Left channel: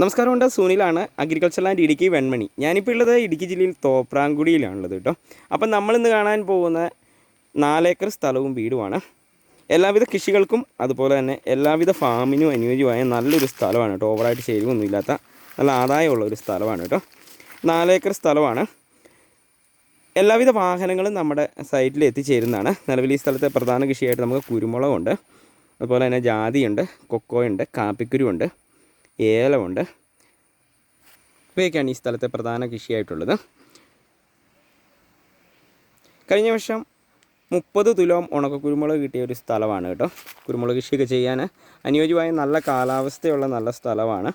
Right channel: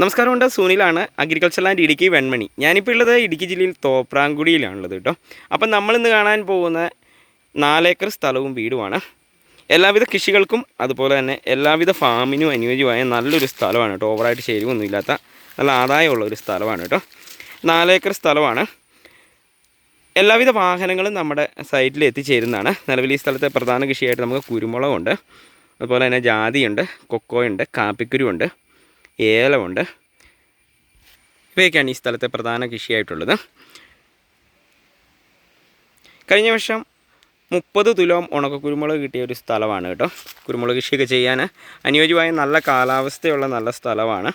നമസ്കാരമുണ്ട് സുനിലാണ് agriculture land Idukki Venmani. ഞാനിപ്പോൾ ഉള്ളത് ഇടുക്കി ജില്ലയിൽ തോപ്രാങ്കുടിയിലാണുള്ളത് കേട്ടോ. അപ്പം നമ്മളിന്ന് കാണാൻ പോകുന്ന നാലേക്കർ സ്ഥലവും വീടുമാണ്. എല്ലാവിധ കൃഷികൾക്കും അതുപോലെ തന്നെ എല്ലാവിധ ഫാമിനും അനുയോജ്യമായ നല്ലൊരു സ്ഥലമാണ് കേട്ടോ. ഓവറായിട്ട് ശരിവൊന്നുമില്ലാത്ത നല്ല ആദായമുള്ള ഒരു സ്ഥലമാണ് കേട്ടോ. നാലേക്കർ സ്ഥലമാണ്. എല്ലാവിധ വാഹനങ്ങളും നമ്മുടെ സൈറ്റിൽ എത്തിച്ചേരുന്നതാണ്. നിലവിൽ ഈ സ്ഥലത്തെ പ്രധാന കൃഷിയായിട്ട് നമുക്ക് കുരുമുളകുണ്ട്. അതുപോലെ തന്നെ ജാതിയുണ്ട് കൊക്കോയുണ്ട് കാപ്പിക്കുരുവുണ്ട് ഏലമുണ്ട്. ഇവയൊക്കെയാണ് ഈ സ്ഥലത്തെ പ്രധാന കൃഷിയായിട്ടുള്ളത്. കഴിഞ്ഞ വർഷം മുപ്പത് തുലോം ഉണക്ക കുരുമുളക് കിട്ടിയ ഒരു സ്ഥലമാണ് കേട്ടോ. കുരുമുളക് കൃഷിയൊക്കെ ചെയ്യാൻ അനുയോജ്യമായ നല്ല കാലാവസ്ഥയുള്ള നല്ല സ്ഥലമാണ്.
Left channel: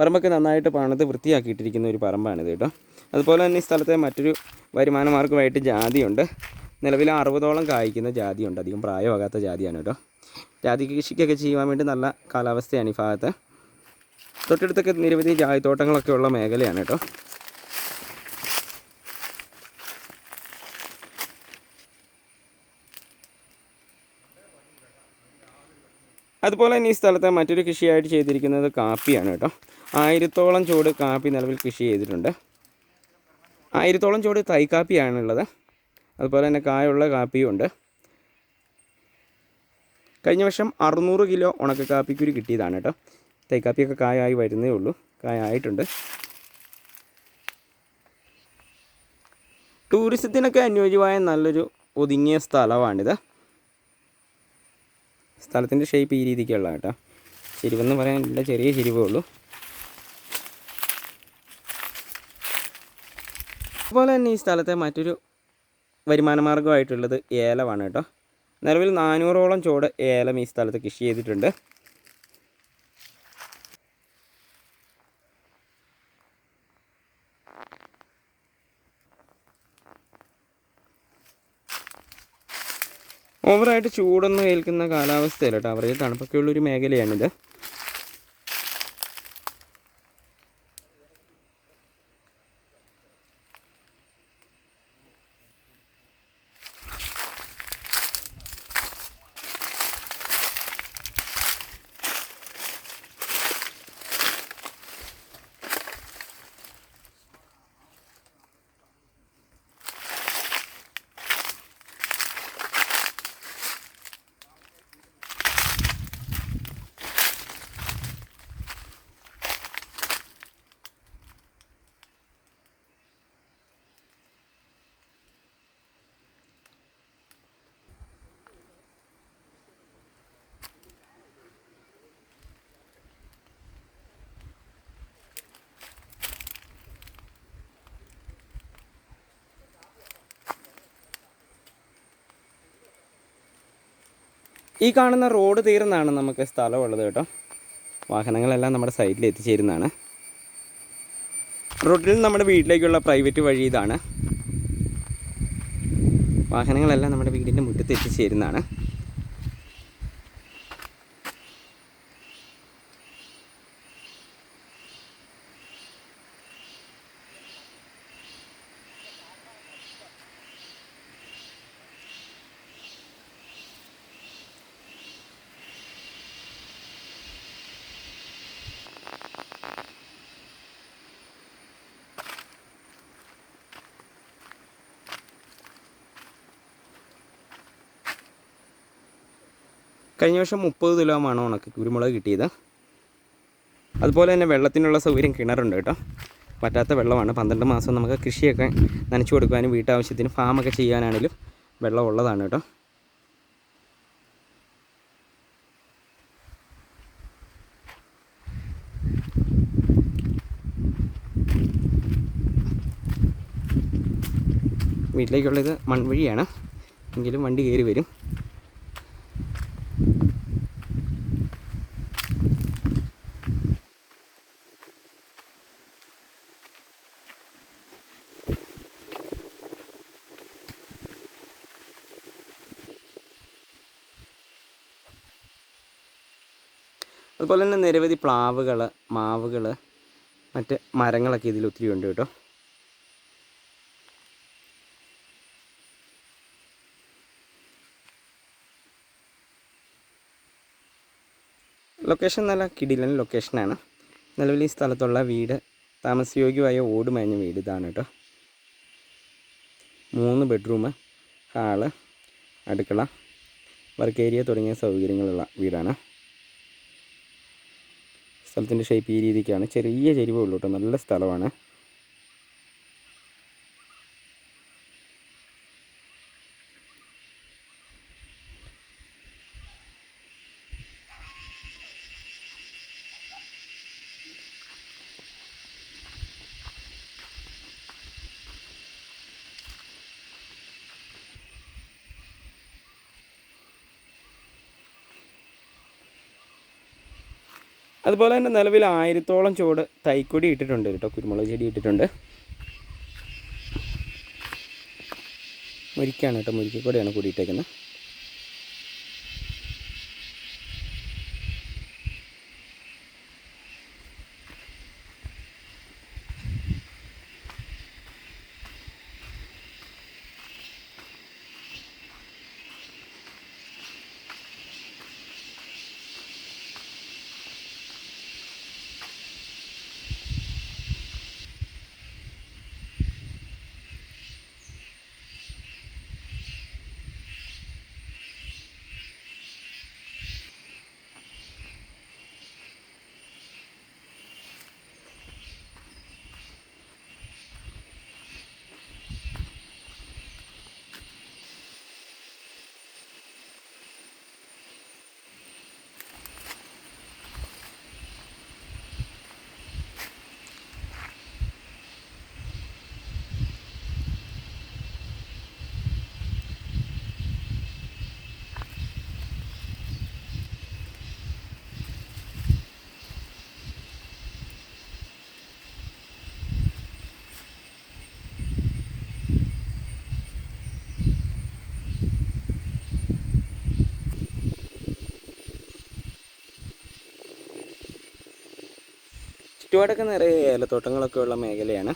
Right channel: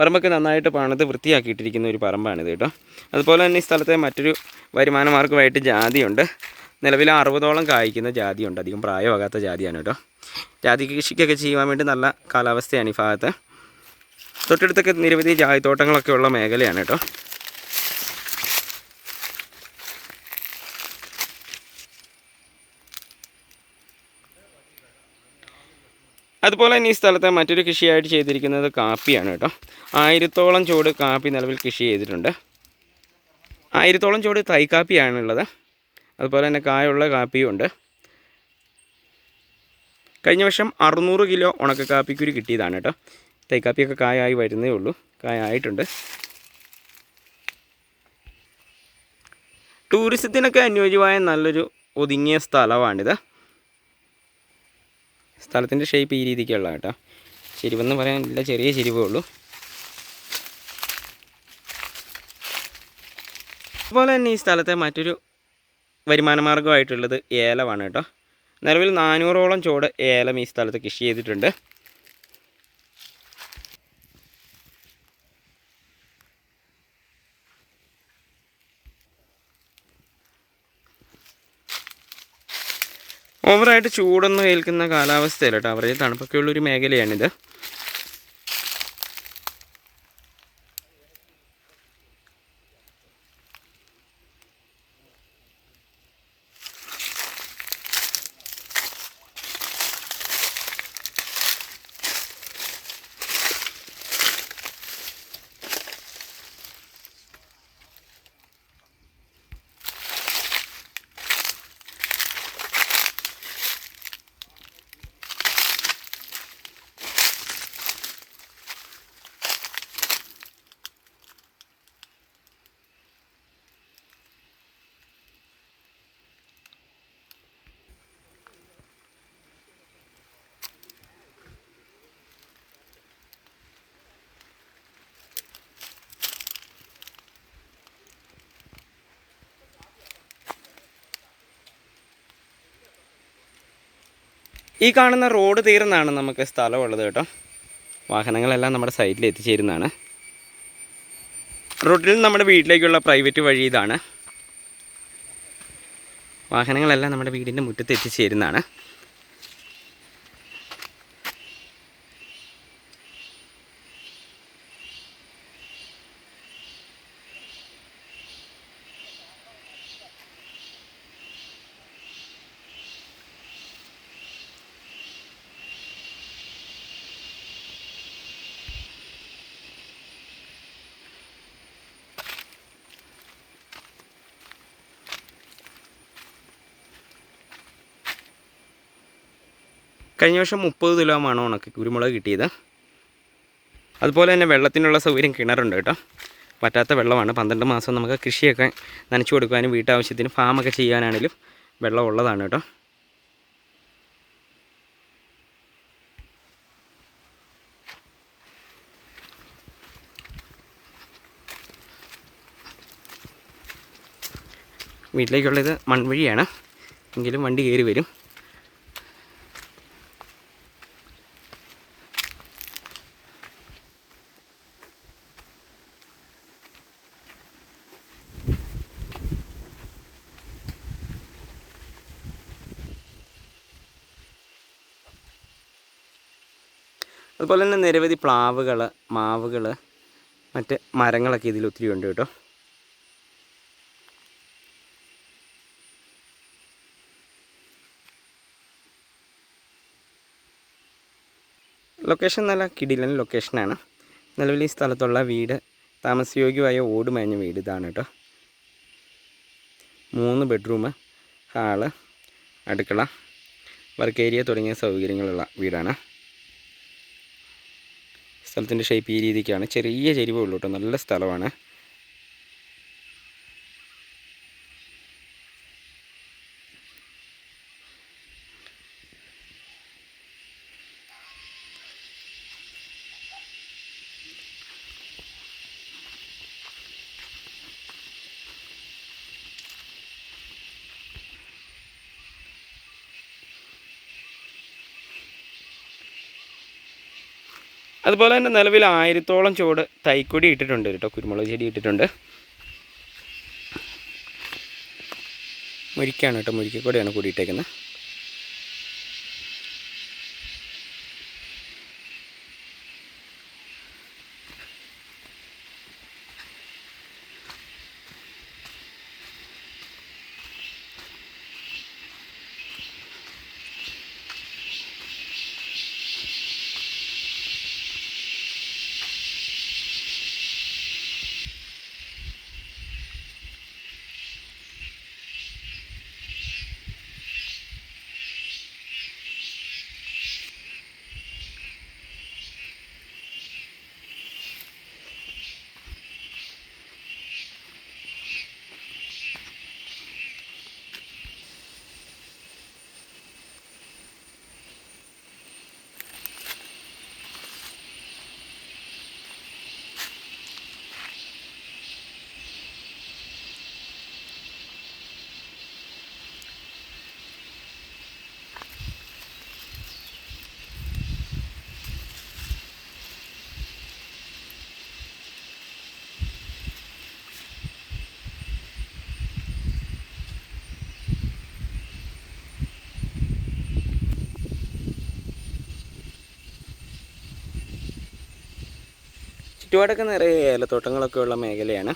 പറമ്പൊക്കെ നന്നായിട്ട് പണിത് വൃത്തിയാക്കിയിട്ടിരിക്കുന്ന ഒരു പറമ്പാണിത് കേട്ടോ. അതുപോലെ തന്നെ ഈ സ്ഥലത്തെ മറ്റൊരു വരുമാന മാർഗമായിട്ട് ജാതിയുണ്ട്. നിലവിൽ അറുപതോളം കായ്ക്കുന്ന ജാതിയുണ്ട്. അധികം പ്രായമാകാത്ത ജാതിയാണ് കേട്ടോ. ജാതി കൃഷിക്കൊക്കെ ചെയ്യുവാൻ വേണ്ടി നല്ല കാലാവസ്ഥയാണ് ഈ ഭാഗത്ത്. തൊട്ടടുത്തൊക്കെ നിരവധി ചായത്തോട്ടങ്ങളൊക്കെ ഉള്ള മേഖലയാണ് കേട്ടോ. അതുപോലെ തന്നെ ഈ സ്ഥലത്തെ മറ്റൊരു കൃഷിയായിട്ട് ചെയ്തിരിക്കുന്നത് കാപ്പിയാണ് കേട്ടോ. ആയിരത്തോളം ചൂട് കാപ്പി നിലവിൽ കൃഷി ചെയ്തിട്ടുണ്ട്. ആയിരത്തോളം ചൂട് തൈക്കാപ്പിയാണുള്ളത്. അതുപോലെ തന്നെ കായുള്ള കാപ്പിയും ഉണ്ട്. കഴിഞ്ഞ വർഷം അറുന്നൂറ് കിലോ ഉണക്ക കാപ്പിക്കുരു കിട്ടിയതാണ് കേട്ടോ. തൈക്കാപ്പിയൊക്കെ കായായി വരുന്നേ ഉള്ളൂ. കായായിട്ടുണ്ട്. ടൂറിസത്തിനൊക്കെ അനുയോജ്യമായ നല്ലൊരു ഒതുങ്ങിയ സ്ഥലമാണിത്. സ്ഥലത്തിന്റെ ഷേപ്പ് ഈ രീതിക്കുള്ള കേട്ടോ. ചെരിവെന്ന് പറയാനില്ല ചെറിയ ചെരിവേ ഉള്ളൂ. അതുപോലെ തന്നെ ഈ സ്ഥലത്തെ മറ്റൊരു വരുമാന മാർഗമായിട്ടുള്ളത് ഏലമാണ് കേട്ടോ. നിലവിൽ നാനൂറോളം ചോട് ഏലം ഈ സ്ഥലത്ത് കൃഷി ചെയ്തിട്ടുണ്ട്. ഓവറായിട്ട് ചൂടൊന്നും ഏൽക്കുന്ന കാലാവസ്ഥയല്ല കേട്ടോ. അവരുടെ തണുപ്പൊക്കെ ഉള്ളൊരു മേഖലയാണിത്. ഈ കാണുന്ന റോഡ് തീർന്നാണ് നമുക്ക് സ്ഥലമുള്ളത് കേട്ടോ. വാഹനങ്ങളെല്ലാം നമ്മുടെ സൈഡിൽ എത്തിച്ചേരുന്നതാണ്. റോഡിൽ നമ്മുടെ വീട്ടിലേക്കുള്ള പ്രൈവറ്റ് വഴി ഇതാണ്. വാഹനങ്ങളെല്ലാം നമ്മുടെ വീടിന്റെ മുറ്റത്ത് എത്തിച്ചേരുന്നതാണ്. കഴിഞ്ഞ വർഷം മുപ്പത് തുലോമാണ് ഉണക്കി കുരുമുളക് കിട്ടിയത്. അതുപോലെ തന്നെ വെള്ളത്തിനുള്ള സൗകര്യം കിണറുണ്ട് കേട്ടോ. പറ്റാത്ത വെള്ളമാണ്. പന്ത്രണ്ട് മാസം നമുക്ക് കൃഷിയൊക്കെ നനച്ചു കൊടുക്കാനും വീട്ടാവശ്യത്തിന് ഫാമൊക്കെ ചെയ്യാനാണെങ്കിലും വെള്ളം ഉള്ളതാണ് കേട്ടോ. വീട്ടിലേക്കുള്ളത് മൺവഴിയാണ്. എങ്കിലും വണ്ടി കയറി വരും. അതുപോലെ തന്നെ നിരവധി പ്ലാവുകൾ മാവുകൾ മറ്റ് മരങ്ങളൊക്കെ ഇതിൽ ഒത്തിരി ഉണ്ട് കേട്ടോ. ലൊക്കേഷൻ നല്ല കിടിലൻ ലൊക്കേഷനാണ് നിലവിൽ ഈ സ്ഥലത്തുള്ള വീട് താമസയോഗ്യമായ ഓട് മേഞ്ഞ വീട് ഇതാണ് കേട്ടോ. മൂന്ന് ബെഡ്റൂം ഹാൾ അടുക്കള വർക്ക് ഏരിയ തുടങ്ങിയ സൗകര്യങ്ങളുള്ള വീടാണ്. സ്ഥലത്തിന്റെ ഷേപ്പ് ഈ രീതിക്കാണ്. ചെറിയ ചെരിവേ കേട്ടോ നല്ല സ്ഥലമാണ്. അതുപോലെ തന്നെ നിലവിൽ ആയിരത്തോളം ചുവട് തൈക്കൊടി ഇട്ടിട്ടുണ്ട് കേട്ടോ കുരുമുളക് ചെടി ഇട്ടിട്ടുണ്ട്. മുരിക്കാണ് കേട്ടോ മുരിക്കക്കൊടിയാണ് കൂടിയിട്ടേക്കുന്നത് ചുറ്റുപാടൊക്കെ നിറയെ ഏലത്തോട്ടങ്ങളൊക്കെ ഉള്ള മേഖലയാണ്.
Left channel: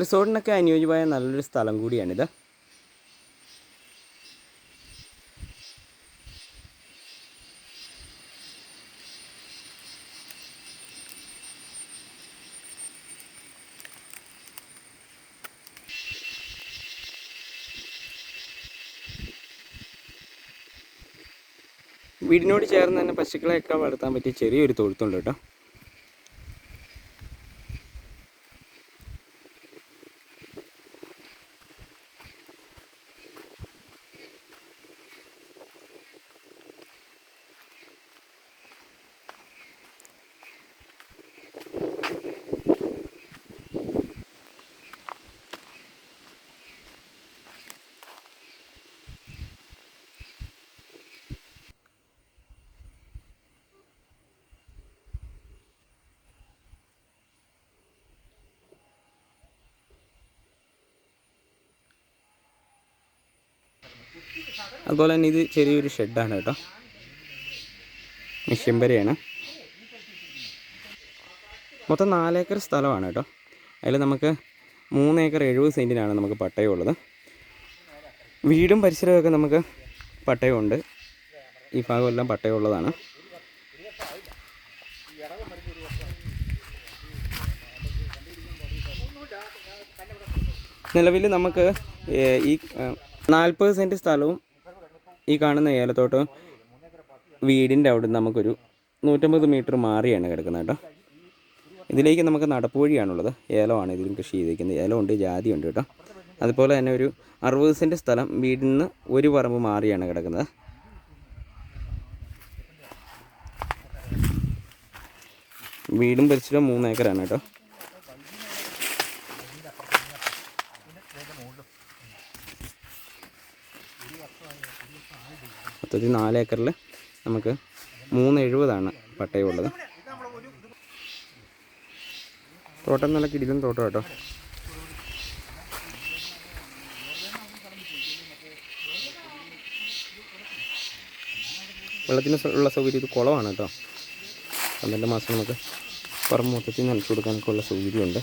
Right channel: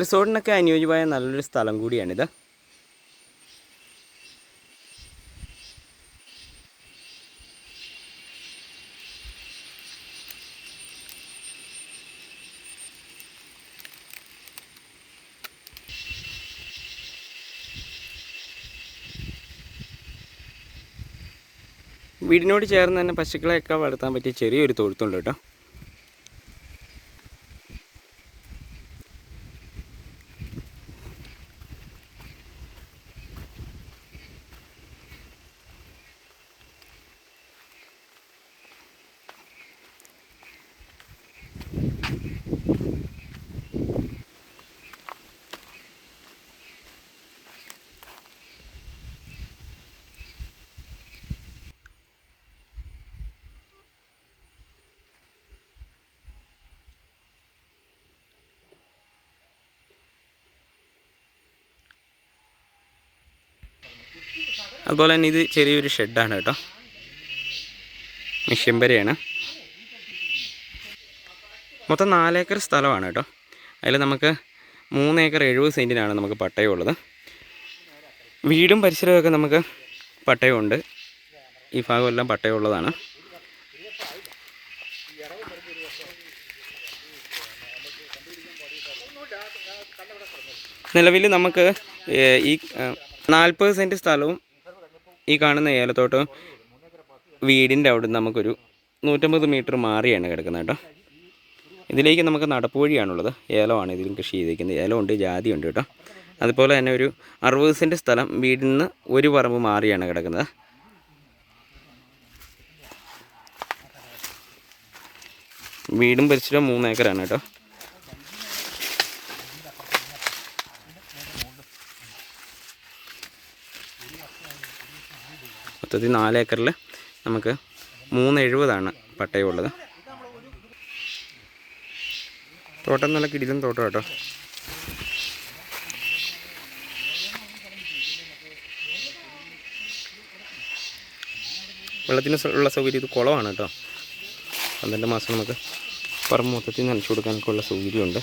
റിസോർട്ടിനൊക്കെ അനുയോജ്യമായ നല്ലൊരു സ്ഥലം കൂടിയാണിത്. വീടിനോട് ചേർന്ന് തന്നെ പശുക്കളെയൊക്കെ വളർത്താൻ പറ്റിയ ചെറിയൊരു തൊഴുത്തുണ്ട് കേട്ടോ. അതുപോലെ തന്നെ ഇത് ചെറിയൊരു ഷെഡാണ് കേട്ടോ. മിഷ്യംബരയാണ് മൊത്തം നാലേക്കർ സ്ഥലമാണ് കേട്ടോ. അതിൽ നമുക്ക് മൂന്നേക്കർ എഴുപത് സെന്റിനാണ് നമുക്ക് പട്ടയമുള്ളത്. വീടും പരിസരമൊക്കെ നമുക്ക് പട്ടയമുണ്ട്. ഈ ഭാഗമെല്ലാം പട്ടയമുള്ളതാണ്. നിലവിൽ നമുക്ക് ഈ നാൽപ്പത് സെന്റ് സ്ഥലവും ഈ കാണുന്ന ഏലത്തോട്ട് വീടിന്റെ അവിടെ നിന്ന് നമുക്കൊരു നൂറ്റമ്പത് മീറ്റർ മാറിയാണ് കിടക്കുന്നത് കേട്ടോ. ഇതിലേക്ക് നമുക്ക് നടപ്പുവഴിയാണുള്ളത് ഏലമാണ് ഇതിലും കൃഷി ചെയ്തിരിക്കുന്നത്. ഏലമുണ്ട് ജാതിയുണ്ട് കേട്ടോ. അതുപോലെ തന്നെ ഒരു അറുപത് സെന്റ് സ്ഥലം വീടിൽ നിന്ന് ഒരു പറമ്പ് മാറിയാണ് കിടക്കുന്നത്. വീടും പരിസരവും മൂന്ന് ഏക്കറാണ് കേട്ടോ. മൊത്തത്തിൽ നാല് ഏക്കറിൽ നമുക്ക് മൂന്ന് എഴുപതാണ് പട്ടയമുള്ളത്. തോട്ടം നല്ല കിടിലും തോട്ടം കേട്ടോ. വെള്ളത്തിന് ഉള്ള സൗകര്യം ഇത് കുളമാണ് കേട്ടോ. പന്ത്രണ്ട് മാസം നമുക്ക് പറമ്പ് മൊത്തത്തിൽ നനച്ചു കൊടുക്കാനൊക്കെ ഉള്ള സൗകര്യമുണ്ട്.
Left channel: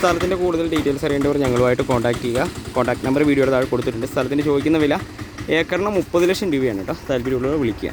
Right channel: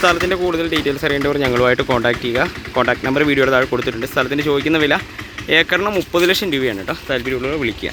സ്ഥലത്തിന്റെ കൂടുതൽ ഡീറ്റെയിൽസ് അറിയേണ്ടവർ ഞങ്ങളുമായിട്ട് കോൺടാക്ട് ചെയ്യുക. കോൺടാക്ട് നമ്പർ വീഡിയോയുടെ താഴെ കൊടുത്തിട്ടുണ്ട്. സ്ഥലത്തിന് ചോദിക്കുന്ന വില ഏക്കറിന് മുപ്പത് ലക്ഷം രൂപയാണ് കേട്ടോ. താല്പര്യമുള്ളവർ വിളിക്കുക.